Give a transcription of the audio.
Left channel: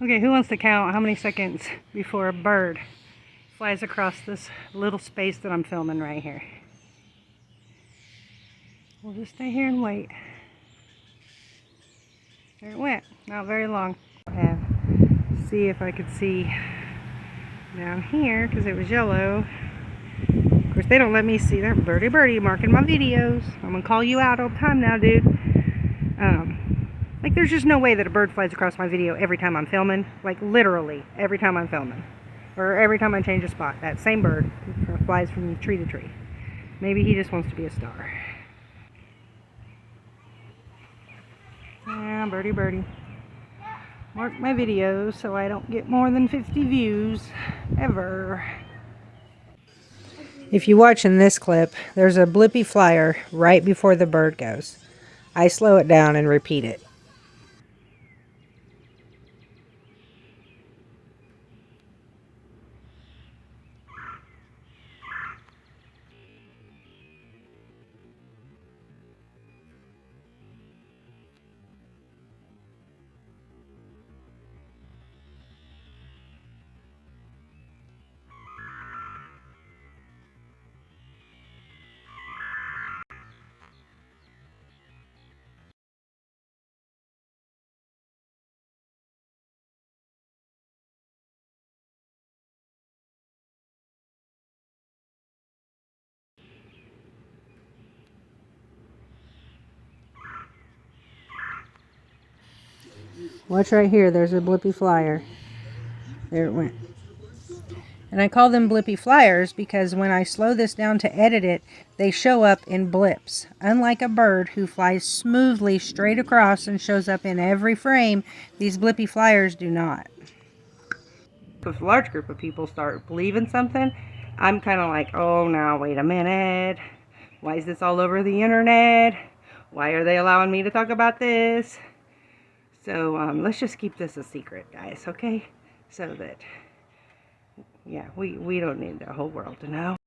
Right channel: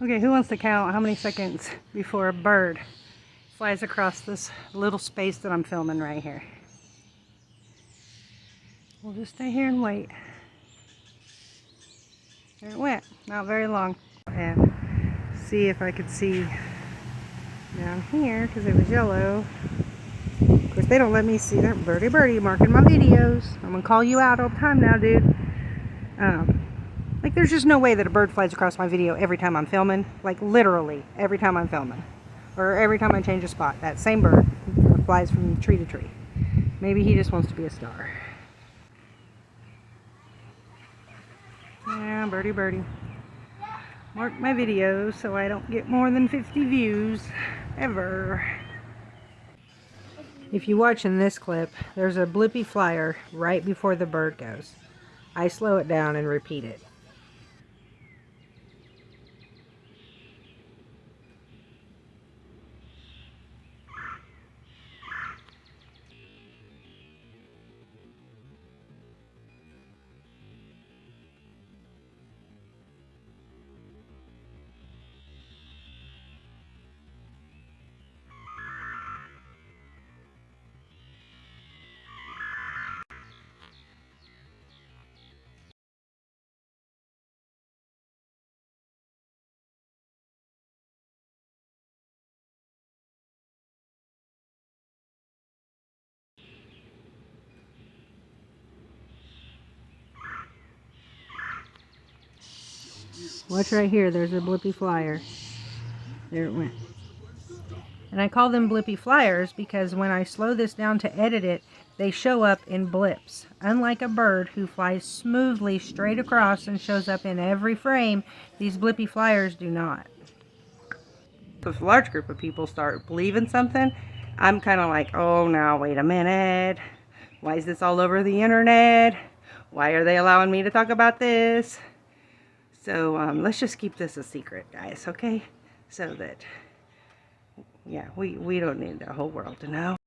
Okay, who wants to count how many seconds before a bird flies across this little space that I'm filming right here? We'll just stay here and wait. There it went. Not very long. And see if I could see down here because it was yellow. Of course, they don't let me see. They're Birdie marking my videos. I'm gonna call you out all the time now, dude. Like, there's just no way that a bird flies across my video every time I'm filming. Like, literally, every time I'm filming. Or every time I change a spot. That same bird flies from tree to tree. Maybe he just wants to be a star. Yeah, birdie. Mark my videos so I don't get more than 50 views. Ever. If you watch in this clip, there's a Blippy flyer right before the bird goes. I slow it down and repeat it. Watch right here, there's a Blippy flyer. There it went. And I call them Blippy flyers because when I slow this down to edit it, they show up in blips. Unlike a bird who flies smoothly straight across and shows up in every frame, these Blippy flyers do not. If a large group of people start believing something, I'm kind of like, oh, now wait a minute. Why is this all over the internet? Why are they allowing me to talk about this? So let's just keep this a secret, guys, okay? So that, yeah, we don't need the whole world to know.